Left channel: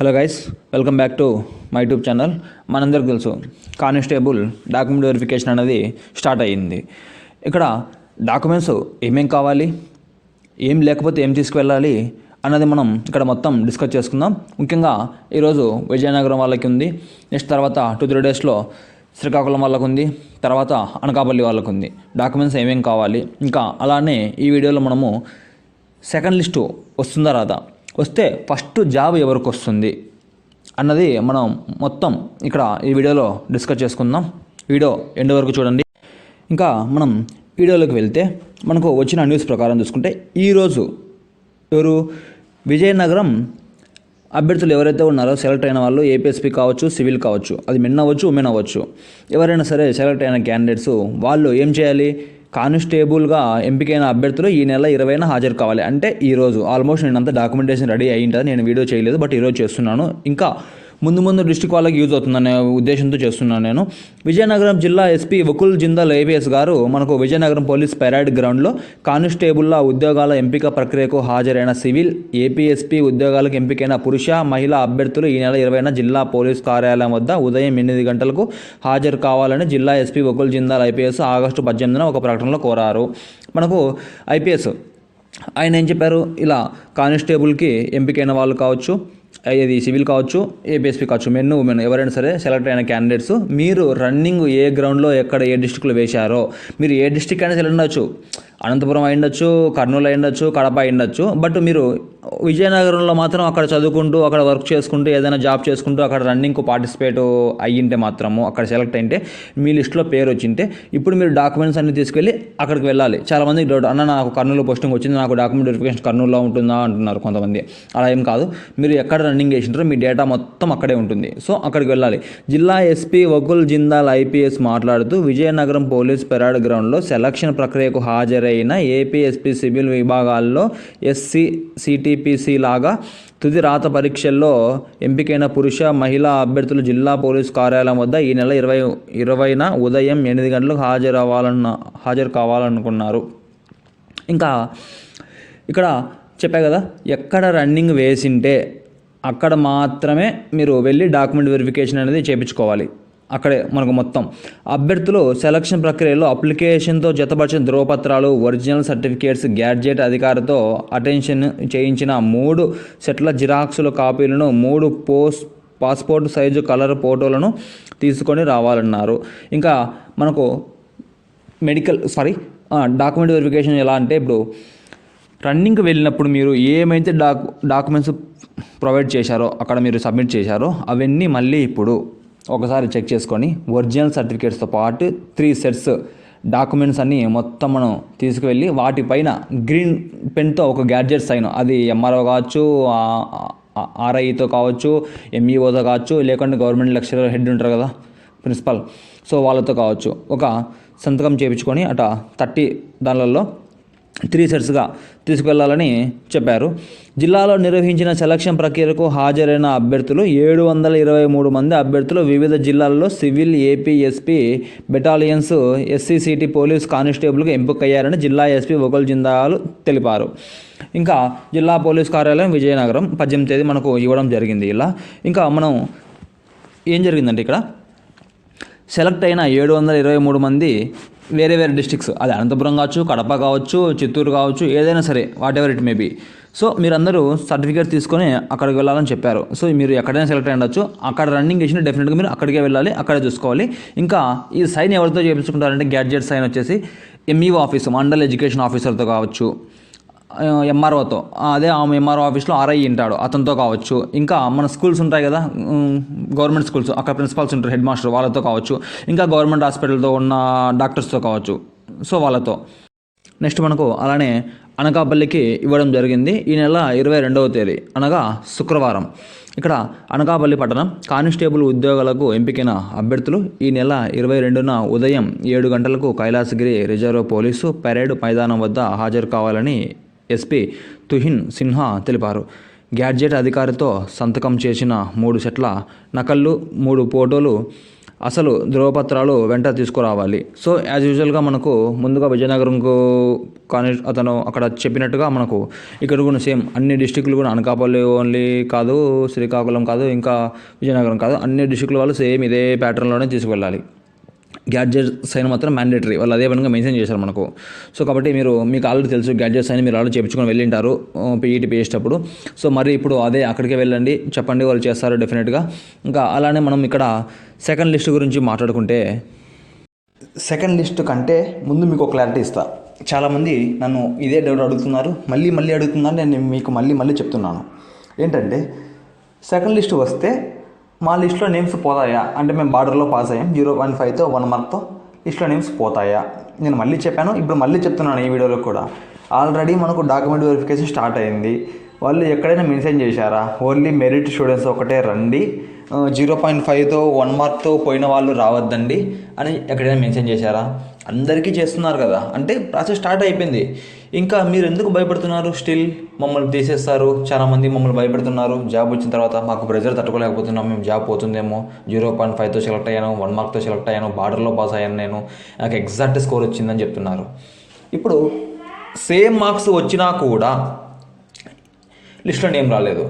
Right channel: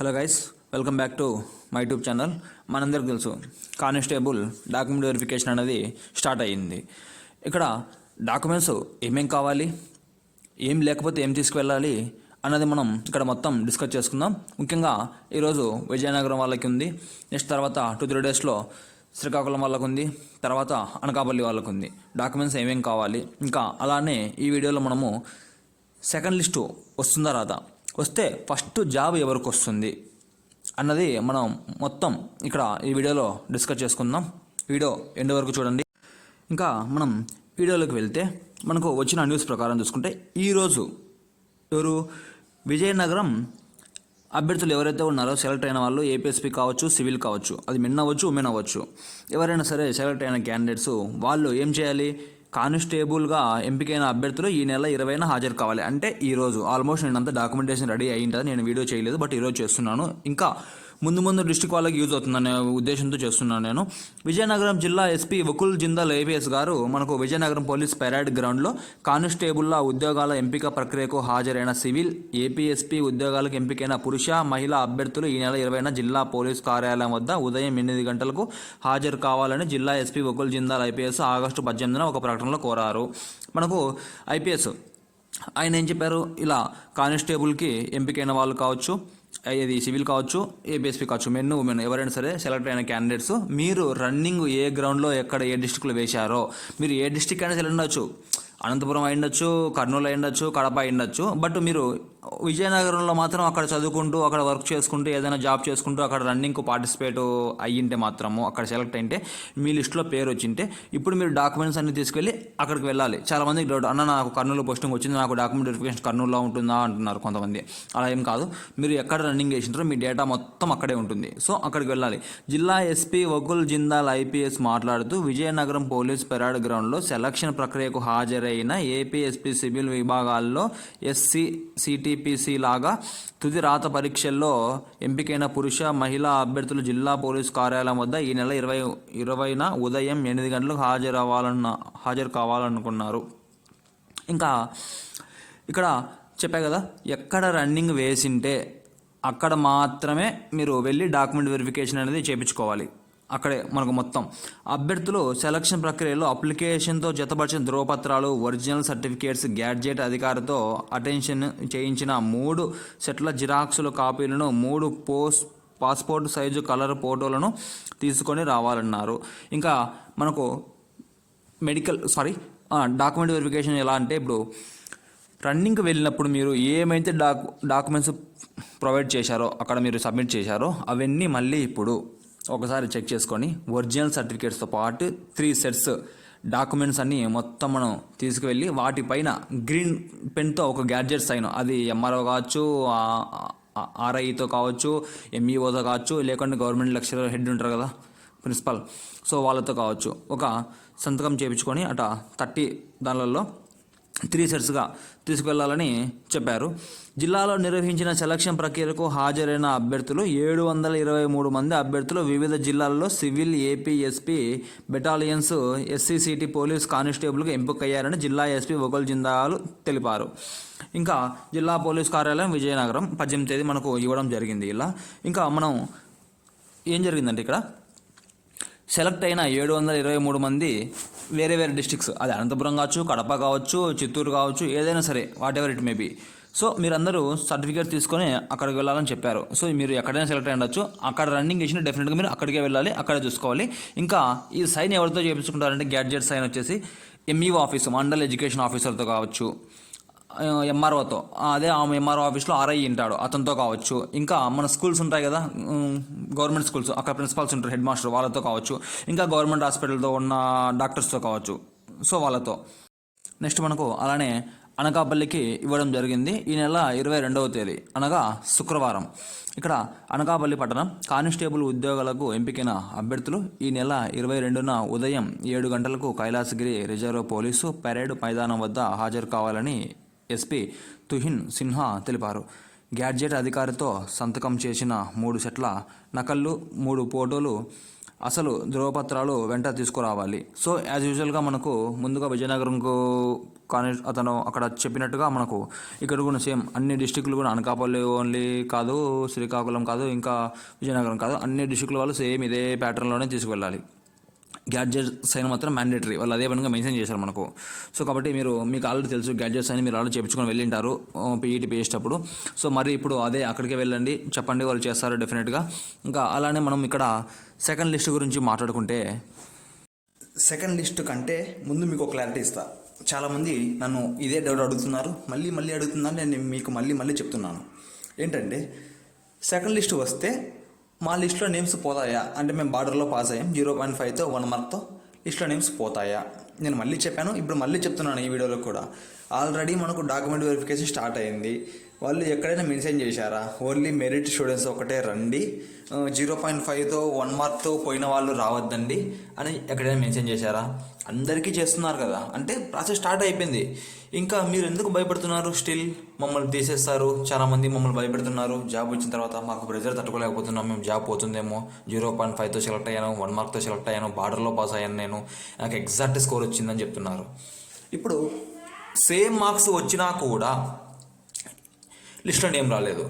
Hello guys, welcome back to my YouTube channel. మనందరికి తెలుసు constable document verification అనేది start అయ్యింది. ఇక్కడ డాక్యుమెంట్స్ ఏమేం కావాలి, ఏం లేకపోతే ఏం తీసుకువెళ్ళాలి అన్నది మనం ఇక్కడ మొత్తం డిస్కస్ చేసుకుందాం. ముఖ్యంగా ఈరోజు విజయనగరం వాళ్ళకి ఉంది, నెక్స్ట్ తర్వాత 2-3 డేస్లో శ్రీకాకుళం వాళ్ళకు ఉంది, తర్వాత అనకాపల్లి వాళ్ళకు ఉంది. డాక్యుమెంట్స్ ఏమేం కావాలి, ఇంకా అలానే ఈ వీడియోలో మనము సెకండ్ లిస్టు వస్తుందా రాదా, వస్తే ఫస్ట్ జాబ్ ఎవరికి వస్తుంది అన్నది మనం మొత్తం ఇక్కడ ఈ వీడియోలో డిస్కస్ చేసుకుందాం. వీడియో ఎండ్ వరకు చూడండి. ఇంకా మనం వీడియోలోకి వెళ్తే మనకు వచ్చిన న్యూస్ ప్రకారం చూసుకుంటే ఈరోజు విజయనగరం అభ్యర్థులు ఎవరైతే ఉన్నారో సెలెక్ట్ అయిన వాళ్ళు ఏపీఎస్పీ కావచ్చు, సివిల్ కావచ్చు, అది మెన్ అవ్వచ్చు, ఉమెన్ అవ్వచ్చు, ఎవరైనా సరే సెలెక్ట్ అయిన క్యాండిడేట్స్ వాళ్ళు ఏం చేయాలి, కానిస్టేబుల్గా ఎంపికైన అభ్యర్థులు ఈ నెల 20న హాజరు కావాలి. అంటే ఈరోజు ఆల్మోస్ట్ నేను అంతా డాక్యుమెంటేషన్ రెడీ అయ్యి ఉంటుంది. నేను వీడియో చేయలేదు, బట్ ఈరోజు చేస్తున్నాను. ఇంకా ముందు డిస్ట్రిక్ట్ వాళ్ళకి యూజ్ అవుతుందనే ఉద్దేశంతో చేస్తున్నాను నేను. విజయనగరం జిల్లా ఎస్పీ వకుల్ జిందాల్ ఐపీఎస్ గారు మనకు విజయనగరం పోలీస్ పెరేడ్ గ్రౌండ్లో కానిస్టేబుల్ల ఉద్యోగాల ఎంపిక ప్రక్రియకు హాజరైన సివిల్, ఏపీఎస్పీ ఉద్యోగాలకు ఎంపికైన పురుష, మహిళా అభ్యర్థులు ఈ నెల 20న జిల్లా పోలీస్ కార్యాలయం వద్ద ఉదయం 8 గంటలకు హాజరు కావాలని జిల్లా SP Vakul Jindal IPS August 18న ఒక ప్రకటనలో కోరారు. మనకు ఐపీఎస్ ఆయన ఏం చెప్పారు, ఇలా కానిస్టేబుల్కి ఎంపికైన వాళ్ళు కావచ్చు, ఇది సివిల్ కావచ్చు, ఏపీఎస్పీ కావచ్చు, మెన్ ఉమెన్ ఎవరైనా సరే సెలెక్ట్ అయిన క్యాండిడేట్స్ మీరు రన్నింగ్ ఏ గ్రౌండ్లో ఎక్కడ ఏ డిస్ట్రిక్ట్లో వేశారో, మీరు ఏ డిస్ట్రిక్ట్ అయినా సెలెక్ట్ ఉండొచ్చు, అనంతపురం అయ్యుండొచ్చు, కర్నూలు అయ్యుండొచ్చు, కడప అయ్యుండొచ్చు, బట్ మీరు విజయనగరంలో మాత్రం అక్కడ చదువుకుంటూ అక్కడ వర్క్ చేసుకుంటూ ఏదైనా జాబ్ చేసుకుంటూ అక్కడ రన్నింగ్కు పార్టిసిపేట్ అయ్యింటే మాత్రము అక్కడ సెలెక్ట్ అయింటే మీ లిస్ట్లో పేరు వచ్చింటే ఇప్పుడు మీరు డాక్యుమెంట్స్ అన్ని తీసుకెళ్ళి అక్కడికి వెళ్ళాలి. చాలామందికి డౌట్, అన్న నాకు కర్నూలు పోస్టింగ్ వచ్చింది, నాకు డాక్యుమెంట్ వెరిఫికేషన్ కర్నూలులో ఉంటుందా అంటున్నారు కొంతమంది. అలా ఏం కాదు, మీరు ఎక్కడ రన్నింగ్ చేసింటారో మీ డేటా మొత్తం అక్కడే ఉంటుంది. సో అక్కడికి వెళ్ళాలి. జిల్లా ఎస్పీ వకుల్ జిందాల్ ఐపీఎస్ మాట్లాడుతూ విజయనగరం పోలీస్ పెరాడ్ గ్రౌండ్లో సెలక్షన్ ప్రక్రియకు హాజరైన ఏపీఎస్పీ సివిల్ విభాగాల్లో ఎస్సీ, సిటీపీసీ లాగా తుది రాత పరీక్షల్లో ఎంపికైన పురుష, మహిళా అభ్యర్థులు జిల్లా పోలీస్ కార్యాలయం వద్ద ఈ నెల 20న ఉదయం 8 గంటలకు హాజరు కావాలనుకున్నారు. ఇంకా ఇక్కడ చెప్పా కదా, ఎక్కడ రన్నింగ్ వేసింటే అక్కడ మాత్రమే మీరు వెళ్ళి డాక్యుమెంట్ వెరిఫికేషన్ అనేది చేయించుకోవాలి. అక్కడే మనకు మొత్తం అభ్యర్థులు సెలక్షన్ ప్రక్రియలో అప్లికేషన్తో జతపరిచిన ధ్రువపత్రాలు, ఒరిజినల్ సర్టిఫికేట్స్, గ్యాడ్జెట్ అధికారితో అటెన్షన్ చేయించిన 3 సెట్ల జిరాక్సుల కాపీలను, 3 పాస్పోర్ట్ సైజు కలర్ ఫోటోలను తీసుకొని రావాలన్నారు. ఇంకా మనకు డాక్యుమెంట్ వెరిఫికేషన్ ఎలా అంటే, ఇప్పుడు రన్నింగ్కి వెళ్ళినప్పుడు మీరు ఏమైతే డాక్యుమెంట్స్ ప్రొవైడ్ చేశారో అక్కడ మీరు సబ్మిట్ చేశారో అవన్నీ మళ్ళీ ఇప్పుడు ఒకసారి చెక్ చేసుకొని ఒరిజినల్ సర్టిఫికేట్స్తో పాటు 3 సెట్స్ డాక్యుమెంట్స్ అన్నీ మొత్తం మనం తీసుకువెళ్ళి వాటిపైన గ్రీన్ పెన్తో ఒక గ్యాడ్జెట్ సైన్, అది ఎంఆర్ఓ కావచ్చు, ఆర్ఐతో కావచ్చు, ఎంఈఓతో కావచ్చు, లేకుంటే గవర్నమెంట్ లెక్చరర్ హెడ్ ఉంటారు కదా ప్రిన్సిపల్, సో వాళ్ళతో కావచ్చు, ఒక సంతకం చేయించుకొని 30 దానిలలో 3 సెట్స్గా తీసుకువెళ్ళాలని చెప్పారు. జిల్లాలో నిర్వహించిన సెలక్షన్ ప్రక్రియకు హాజరైన అభ్యర్థులు 723 మంది అభ్యర్థులు వివిధ జిల్లాల్లో సివిల్, ఏపీఎస్పీ బెటాలియన్స్, ఎస్సీసీటీ పోలీస్ కానిస్టేబుల్గా ఎంపికయ్యారని జిల్లా ఎస్పీ వకుల్ జిందాల్ తెలిపారు. ఇంకా జిల్లా పోలీస్ కార్యాలయం విజయనగరం 18వ తేదీ మనకు ఇవ్వడం జరిగింది. ఇలా ఇంకా మనం ఏం జరిగిందంటే, ఇక్కడ సెలెక్ట్ అయిన 723 మంది వేరే డిస్ట్రిక్ట్స్, అది అనంతపురం కావచ్చు, కడప కావచ్చు, చిత్తూరు కావచ్చు, ఏదైనా సరే whatever it may be. So మీరందరూ సర్టిఫికేట్ తీసుకొని అక్కడికి వెళ్ళాలని చెప్పారు. సో మీరు ఎక్కడైనా సెలెక్ట్ అయ్యి ఉండొచ్చు, అక్కడ రన్నింగ్ చేసిన డెఫినెట్గా మీరు అక్కడికే వెళ్ళాలి, అక్కడే చూసుకోవాలి. ఇంకా ఈ సైన్ ఎవరితో చేయించుకుంటారంటే, గ్యాడ్జెట్ సైన్ వచ్చేసి ఎంఈఓ ఆఫీసు, మండల్ ఎడ్యుకేషన్ ఆఫీసర్తో కావచ్చు, ఎంఆర్ఓతో, అదే ఆమె ఎంఆర్ఓ ఆఫీస్లో ఆర్ఐ ఉంటాడు అతనితో కావచ్చు, ఇంకా మన స్కూల్స్ ఉంటాయి కదా గవర్నమెంట్ స్కూల్స్, అక్కడ ప్రిన్సిపాల్స్ ఉంటారు, హెడ్ మాస్టర్, వాళ్ళతో కావచ్చు, ఇంకా గవర్నమెంట్ హాస్పిటల్తో ఉన్న డాక్టర్స్తో కావచ్చు, సో వాళ్ళతో. నెక్స్ట్ మనకు అలానే అనకాపల్లికి ఇవ్వడం జరిగింది ఈ నెల 22వ తేదీ అనగా శుక్రవారం. ఇక్కడ అనకాపల్లి పట్టణం కానిస్టేబుల్ ఉద్యోగాలకు ఎంపికైన అభ్యర్థులు ఈ నెల 22న ఉదయం 7 గంటలకు కైలాసగిరి రిజర్వ్ పోలీసు పెరేడ్ మైదానం వద్ద హాజరు కావాలని ఎస్పీ తుహిన్ సిన్హా తెలిపారు. గ్యాడ్జెట్ అధికారితో సంతకం చేసిన 3 సెట్ల నకళ్ళు, 3 ఫోటోలు అసలు ధృవపత్రాలు వెంట తీసుకురావాలి. సో యాజ్ యూజువల్గా మనకు ముందుగా విజయనగరంకు కానీ అతను అక్కడ చెప్పినట్టుగా మనకు ఇక్కడ కూడా సేమ్ అన్ని డిస్టిక్లు కూడా అనకాపల్లి ఓన్లీ కాదు, శ్రీకాకుళం కాదు, ఇంకా విజయనగరం కాదు, అన్ని డిస్టిక్ల వాళ్ళు సేమ్ ఇదే ప్యాటర్న్లోనే తీసుకువెళ్ళాలి. గ్యాడ్జెట్ సైన్ మాత్రం మ్యాండేటరీ, వాళ్ళు అదే విధంగా మెన్షన్ చేశారు మనకు. సో కాబట్టి మీకు ఆల్రెడీ తెలుసు గ్యాడ్జెట్ సైన్ మీరు ఆల్రెడీ చేయించుకొని వెళ్ళింటారు పీఈటీ చేసేటప్పుడు. సో మరి ఇప్పుడు అదే అక్కడికే వెళ్ళండి, చెప్పండి, వాళ్ళు చేస్తారు డెఫినెట్గా. ఇంకా అలానే మనం ఇక్కడ సెకండ్ లిస్ట్ గురించి మాట్లాడుకుంటే, సెకండ్ లిస్ట్ కంటే ముందు మీకు క్లారిటీ ఇస్తా. చాలామంది నన్ను ఇదే డౌట్ అడుగుతున్నారు, మళ్ళీ అడుగుతున్నారు, నేను మీకు మళ్ళీ చెప్తున్నాను. ఏంటంటే సెకండ్ లిస్ట్ వస్తే మా లిస్ట్లో నేమ్స్ పోతాయా అంటే, మేము బార్డర్లో పాస్ అయ్యాం 0.5తో 1 మార్క్తో, లిస్ట్లో నేమ్స్ పోతాయా? నేను మళ్ళీ చెప్పాను, ఇప్పుడు మళ్ళీ చెప్తున్నాను ఈ వీడియోలో కూడా. ఆల్రెడీ మనకు డాక్యుమెంట్ వెరిఫికేషన్ స్టార్ట్ అయింది. వాళ్ళు ఎక్కడైనా మెన్షన్ చేశారా ఓన్లీ మెరిట్ స్టూడెంట్స్ ఒకటే రండి, 0.5తో 1 మార్క్తో పోయిన వాళ్ళు రావద్దండి అని ఎక్కడైనా మెన్షన్ చేశారా? అందరికీ చేస్తున్నారు కదా, అంటే ప్రాసెస్ స్టార్ట్ అయిపోయింది. ఇంకా మీరు ఎందుకు భయపడుతున్నారు? స్టిల్ మమ్మల్ని తీసేస్తారు, చాలామంది మమ్మల్ని భయపెడుతున్నారు. జాబ్ వచ్చిన తర్వాత మాకు ప్రెజర్ తట్టుకోలేకపోతున్నాం, మేము జాబ్ పోతుందేమో, 0.5తో సెలెక్ట్ అయ్యాను, 1 మార్క్తో సెలెక్ట్ అయ్యాను, బార్డర్లో పాస్ అయ్యాను, నాకు ఎగ్జాక్ట్ స్కోర్ వచ్చిందని చెప్తున్నారు. ఇప్పుడు సేమ్ మార్క్స్ వచ్చినా కూడా లిస్ట్లో నేమ్ రాలేదు,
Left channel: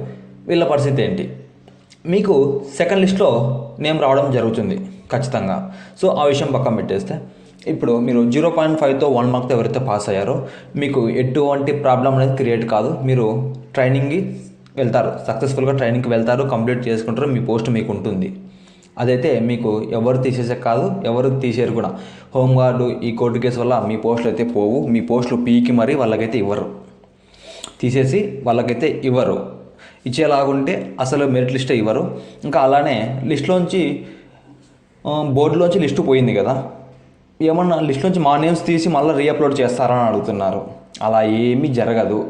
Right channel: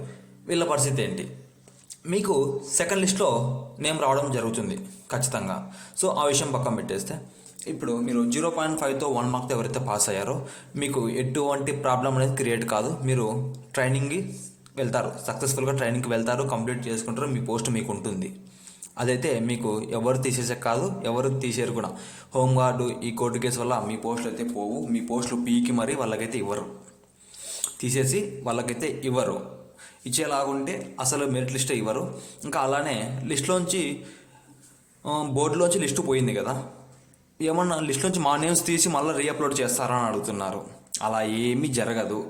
వీళ్ళ పరిస్థితి ఏంటి? మీకు సెకండ్ లిస్ట్లో నేమ్ రావడం జరుగుతుంది ఖచ్చితంగా. సో ఆ విషయం పక్కన పెట్టేస్తే, ఇప్పుడు మీరు 0.5తో 1 మార్క్తో ఎవరైతే పాస్ అయ్యారో మీకు ఎటువంటి ప్రాబ్లం అనేది క్రియేట్ కాదు. మీరు ట్రైనింగ్కి వెళ్తారు, సక్సెస్ఫుల్గా ట్రైనింగ్కి వెళ్తారు, కంప్లీట్ చేసుకుంటారు, మీ పోస్ట్ మీకు ఉంటుంది. అదైతే మీకు ఎవరు తీసేసే కాదు, ఎవరు తీసేరు కూడా. హోంగార్డు ఈ కోర్టు కేసు వల్ల మీ పోస్టులు అయితే పోవు, మీ పోస్టులు పీకి మరీ వాళ్ళకైతే ఇవ్వరు, తీసేసి వాళ్ళకైతే ఇవ్వరు. ఇచ్చేలాగుంటే అసలు మెరిట్ లిస్టే ఇవ్వరు. ఇంకా అలానే లిస్టులోంచి బోర్డులోంచి లిస్టు పోయింది కదా, ఏమన్నా లిస్టులోంచి మా నేమ్స్ తీసి మళ్ళీ రీఅప్లోడ్ చేస్తారా అని అడుగుతున్నారు. అలా ఏమీ జరగదు.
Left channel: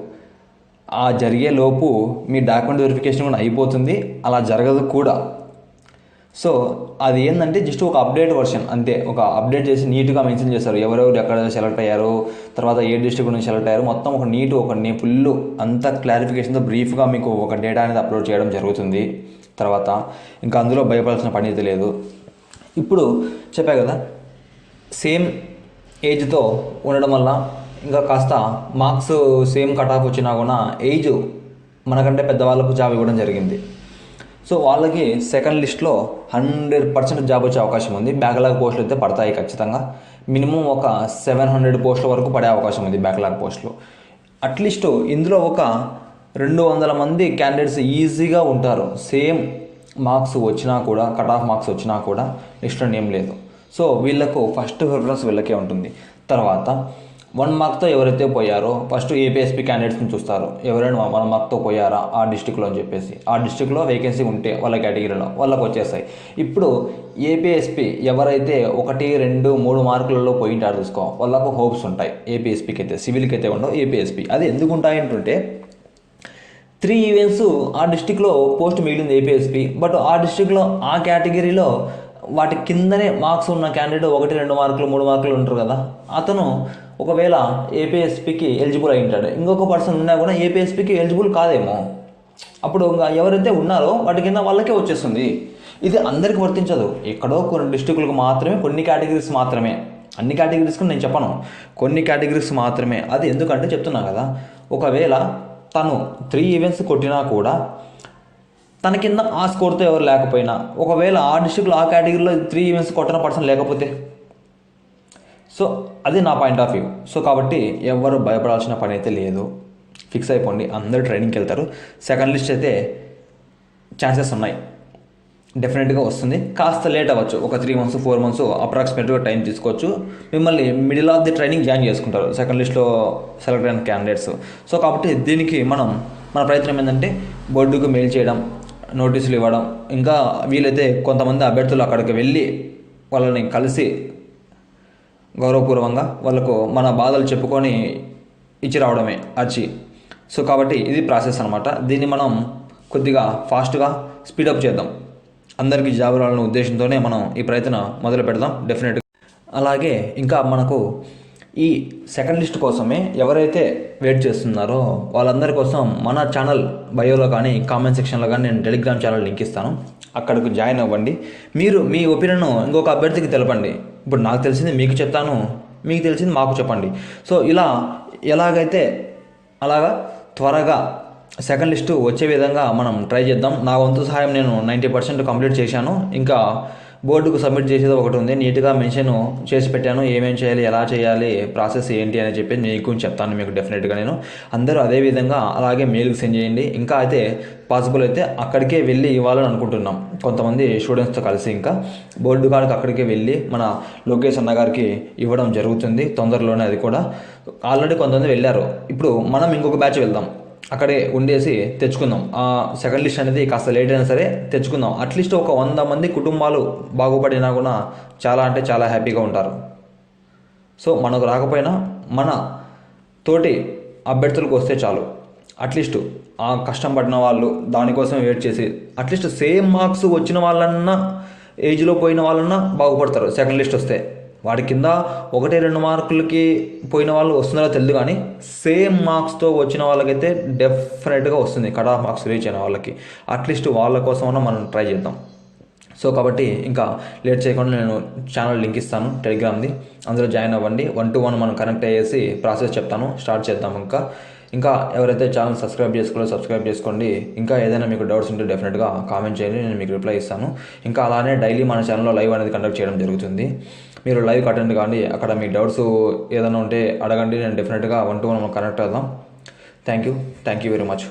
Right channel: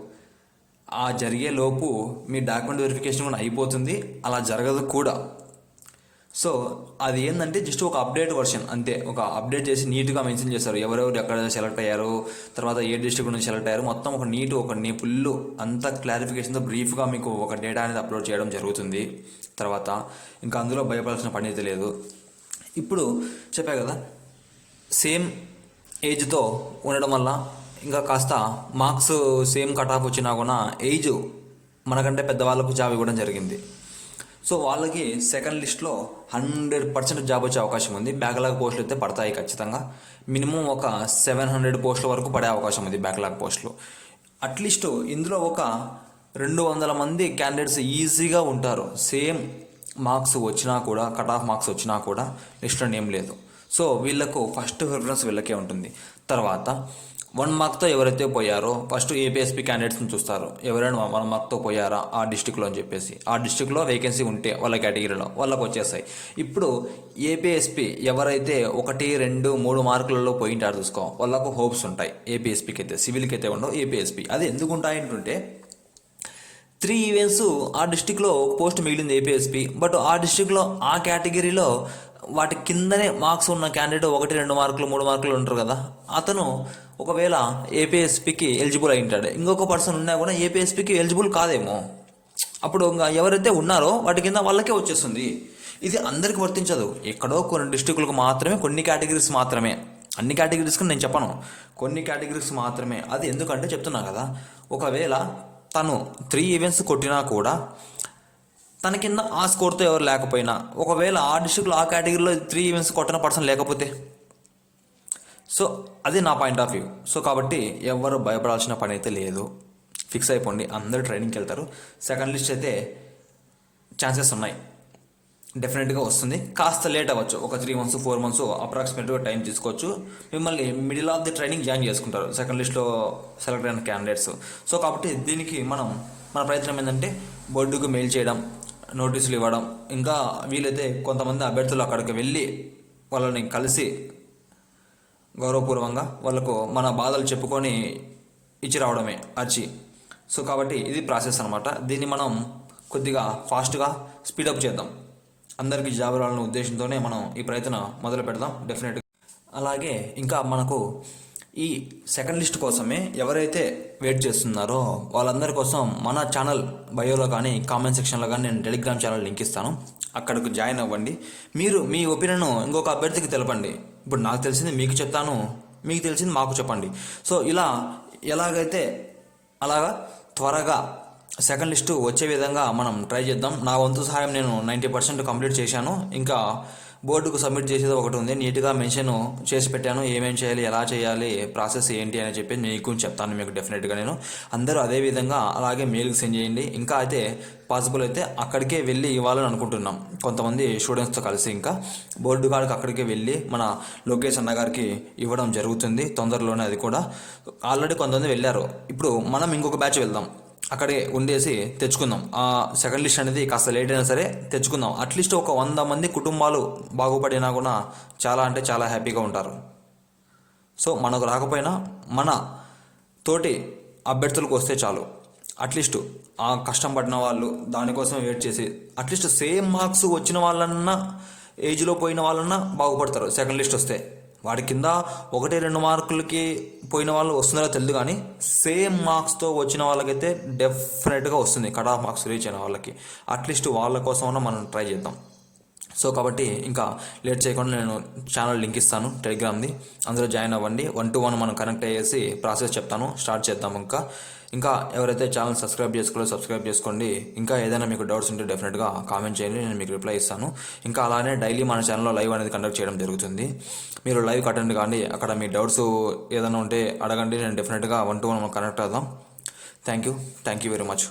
ఆ జరిగే లోపు మీ డాక్యుమెంట్ వెరిఫికేషన్ కూడా అయిపోతుంది, అలా జరగదు కూడా. సో అది ఏంటంటే జస్ట్ ఒక అప్డేట్ వర్షన్ అంతే, ఒక అప్డేట్ చేసి నీట్గా మెన్షన్ చేస్తారు ఎవరెవరు ఎక్కడ సెలెక్ట్ అయ్యారు, తర్వాత ఏ డిస్ట్రిక్ట్ నుంచి సెలెక్ట్ అయ్యారు, మొత్తం ఒక ఫుల్ అంత క్లారిఫికేషన్తో బ్రీఫ్గా మీకు ఒక డేటా అనేది అప్లోడ్ చేయడం జరుగుతుంది. తర్వాత ఇంకా అందులో భయపడాల్సిన పని అయితే లేదు. ఇప్పుడు చెప్పా కదా, సేమ్ ఏజ్తో ఉండడం వల్ల ఇంకా కాస్త మార్క్స్ సేమ్ కట్ ఆఫ్ వచ్చినా కూడా ఏజ్ మనకంటే పెద్దవాళ్ళకు జాబ్ ఇవ్వడం జరిగింది. సో వాళ్ళకి సెకండ్ లిస్ట్లో 100% జాబ్ వచ్చే అవకాశం ఉంది. బ్యాక్లాగ్ పోస్టులు అయితే పడతాయి ఖచ్చితంగా. మినిమం ఒక 700 పోస్టుల వరకు పడే అవకాశం ఉంది బ్యాక్లాగ్ పోస్టులు. అట్లీస్ట్ ఇందులో ఒక 200 మంది క్యాండిడేట్స్ ఈజీగా ఉంటారు. సేమ్ మార్క్స్ వచ్చినా కూడా, కట్ ఆఫ్ మార్క్స్ వచ్చినా కూడా లిస్ట్లో నేమ్ లేదు. సో వీళ్ళకు ఫస్ట్ ప్రిఫరెన్స్ వీళ్ళకే ఉంటుంది. తర్వాత 1 మార్క్తో ఎవరైతే పోయారో ఫస్ట్ ఏపీఎస్పీ క్యాండిడేట్స్ని చూస్తారు, ఎవరైనా 1 మార్క్తో పోయారా ఆ డిస్టిక్లో అని చెప్పేసి. ఆ డిస్టిక్లో వేకెన్సీ ఉంటే వాళ్ళ కేటగిరీలో వాళ్ళకు వచ్చేస్తాయి. ఇప్పుడు ఏపీఎస్పీ ఎవరైతే 1, 2, 3 మార్కులలో పోయింటారు చూసుకో, వాళ్ళకు హోప్స్ ఉంటాయి. ఏపీఎస్పీకి అయితే, సివిల్కి అయితే ఉండవు. ఏపీఎస్పీ అది ఎందుకు ఉంటాయంటుంటే 3 ఈవెంట్స్ ఆ డిస్టిక్లో పోస్ట్ మిగిలింది ఏపీఎస్పీ, బట్ ఆ డిస్టిక్లో ఆ కేటగిరీలో వాటి కిందనే మార్క్స్ ఉన్న క్యాండిడేట్ 1, 2 మార్కులు 3 మార్కులు ఉంటారు కదా, అతను ఒకవేళ ఏపీఎస్పీకి ఎలిజిబుల్ అయి ఉంటాడు, ఇంకొక పర్సన్ ఉన్నా కూడా ఏపీఎస్పీకి ఎలిజిబుల్ కాదేమో. అప్పుడు ఎవరైతే ఉన్నారో వాటి కింద వాళ్ళకే వచ్చేస్తుంది. ఇది అందరికీ వర్తించదు, ఎక్కడో కొన్ని డిస్టిక్లకు మాత్రమే, కొన్ని కేటగిరీస్ మాత్రమే. అన్ని కేటగిరీస్కి నేను చెప్పను, కొన్ని కేటగిరీస్ మాత్రమే. అది ఎందుకంటే చెప్తున్నా కదా, ఒకవేళ తను 3 ఈవెంట్స్ కొట్టినా కూడా తన కింద ఆ స్కోర్తో ఎవరు లేకపోయినా, ఒకవేళ ఆ డిస్ట్రిక్ట్లో ఆ కేటగిరీలో 3 ఈవెంట్స్ కొట్టిన పర్సన్ లేకపోతే, సో అది నా పాయింట్ ఆఫ్ వ్యూ. సో కాబట్టి ఎవరు భయపడాల్సిన పని అయితే లేదు, ఫిక్స్ అయిపోండి, అందరూ ట్రైనింగ్కి వెళ్తారు. సెకండ్ లిస్ట్ అయితే ఛాన్సెస్ ఉన్నాయి, డెఫినెట్గా వస్తుంది. కాస్త లేట్ అవ్వచ్చు, ఒక 3 months 4 months అప్రాక్సిమేట్గా టైం తీసుకోవచ్చు. మిమ్మల్ని middle of the training join చేసుకుంటారు సెకండ్ లిస్ట్లో సెలెక్ట్ అయిన క్యాండిడేట్స్. సో కాబట్టి దీనికి మన ప్రయత్నం ఏంటంటే బోర్డుకు మెయిల్ చేయడం, నోటీసులు ఇవ్వడం, ఇంకా వీలైతే కొంతమంది అభ్యర్థులు అక్కడికి వెళ్ళి వాళ్ళని కలిసి గౌరవపూర్వకంగా వాళ్ళకు మన బాధలు చెప్పుకొని ఇచ్చి రావడమే అర్జీ. సో కాబట్టి ఇది ప్రాసెస్ అనమాట. దీన్ని మనం కొద్దిగా ఫాస్ట్గా స్పీడప్ చేద్దాం, అందరికీ జాబ్ రావాలనే ఉద్దేశంతోనే మనం ఈ ప్రయత్నం మొదలు పెడదాం డెఫినెట్గా. అలాగే ఇంకా మనకు ఈ సెకండ్ లిస్ట్ కోసమే ఎవరైతే వెయిట్ చేస్తున్నారో వాళ్ళందరి కోసం మన ఛానల్ బయోలో కానీ కామెంట్ సెక్షన్లో కానీ నేను టెలిగ్రామ్ ఛానల్ లింక్ ఇస్తాను. అక్కడికి జాయిన్ అవ్వండి. మీరు మీ ఒపీనియన్ ఇంకొక అభ్యర్థికి తెలపండి. ఇప్పుడు నాకు తెలిసింది మీకు చెప్తాను, మీకు తెలిసింది మాకు చెప్పండి. సో ఇలా ఎలాగైతే అలాగా త్వరగా సెకండ్ లిస్టు వచ్చే విధంగా మనం ట్రై చేద్దాం. నా వంతు సహాయం నేను 90% కంప్లీట్ చేశాను. ఇంకా బోర్డుకు సబ్మిట్ చేసేది ఒకటి ఉంది, నీట్గా మెన్షన్ చేసి పెట్టాను. ఏమేం చేయాలి, ఎలా చేయాలి, ప్రాసెస్ ఏంటి అని చెప్పి నీకు చెప్తాను మీకు డెఫినెట్గా నేను. అందరూ అదే విధంగా అలాగే మెయిల్కి సెండ్ చేయండి. ఇంకా అయితే పాసిబుల్ అయితే అక్కడికే వెళ్ళి ఇవ్వాలని అనుకుంటున్నాం, కొంతమంది స్టూడెంట్స్తో కలిసి. ఇంకా బోర్డు కాడికి అక్కడికే వెళ్ళి మన లోకేష్ అన్న గారికి ఇవ్వడం జరుగుతుంది తొందరలోనే. అది కూడా ఆల్రెడీ కొంతమంది వెళ్ళారు. ఇప్పుడు మనం ఇంకొక బ్యాచ్ వెళ్దాం, అక్కడే ఉండేసి తెచ్చుకుందాం. ఆ సెకండ్ లిస్ట్ అనేది కాస్త లేట్ అయినా సరే తెచ్చుకుందాం. అట్లీస్ట్ ఒక 100 మంది కుటుంబాలు బాగుపడినా కూడా చాలా అంటే చాలా హ్యాపీగా ఉంటారు. సో మనకు రాకపోయినా మన తోటి అభ్యర్థులకు వస్తే చాలు. అట్లీస్ట్ ఆ కష్టం పడిన వాళ్ళు దానికోసం వెయిట్ చేసి అట్లీస్ట్ సేమ్ మార్క్స్ వచ్చిన వాళ్ళన్నా, ఏజ్లో పోయిన వాళ్ళన్నా బాగుపడతారు సెకండ్ లిస్ట్ వస్తే. వాడి కింద 1-2 మార్కులకి పోయిన వాళ్ళు వస్తున్నారో తెలియదు, కానీ సేమ్ మార్క్స్తో వచ్చిన వాళ్ళకైతే డెఫినెట్గా వస్తుంది కట్ ఆఫ్ మార్క్స్ రీచ్ అయిన వాళ్ళకి. అట్లీస్ట్ వాళ్ళ కోసమైనా మనం ట్రై చేద్దాం. సో కాబట్టి ఇంకా లేట్ చేయకుండా నేను ఛానల్ లింక్ ఇస్తాను టెలిగ్రామ్ది, అందులో జాయిన్ అవ్వండి. 1-to-1 మనం కనెక్ట్ అయ్యేసి ప్రాసెస్ చెప్తాను, స్టార్ట్ చేద్దాం. ఇంకా ఎవరైతే ఛానల్ సబ్స్క్రైబ్ చేసుకోవాలో సబ్స్క్రైబ్ చేసుకోండి. ఇంకా ఏదైనా మీకు డౌట్స్ ఉంటే డెఫినెట్గా కామెంట్ చేయండి, నేను మీకు రిప్లై ఇస్తాను. ఇంకా అలానే డైలీ మన ఛానల్లో లైవ్ అనేది కండక్ట్ చేయడం జరుగుతుంది. మీరు లైవ్ అటెండ్ కానీ అక్కడ మీ డౌట్స్ ఏదైనా ఉంటే అడగండి, నేను డెఫినెట్గా 1-to-1 మనం కనెక్ట్ అవుదాం. Thank you very much.